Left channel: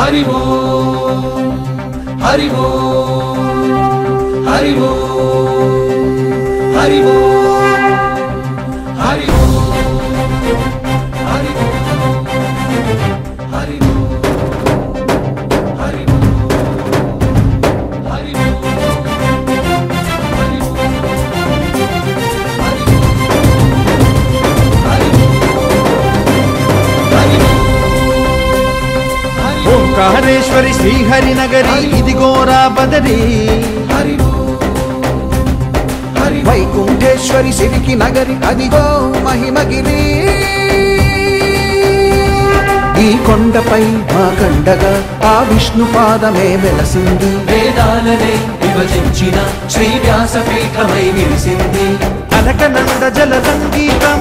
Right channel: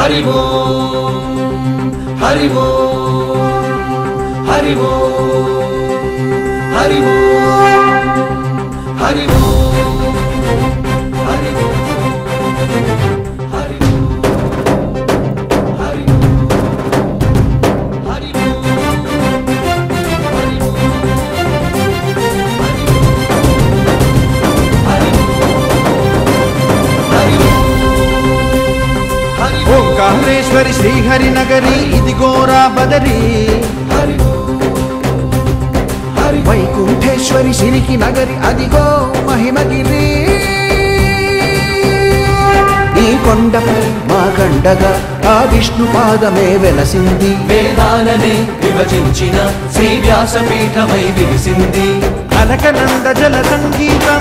हरि ओम हरि ओम हरि ओम हरि ओम हरि ओम हरि ओंकारेश्वरी श्रीहरि नगरी इदिगोरा बदरी वैकुंठेश्वरी सिరికి नगरी अदिगो महिमगिरी ఈ కొండపై వాగండగా ఆ విష్ణు పాదమే వెలసింది వేదాలనే విభజించిన శ్రీ వ్యాసపీఠమై విరిసింది అరకనంద జలదండీగా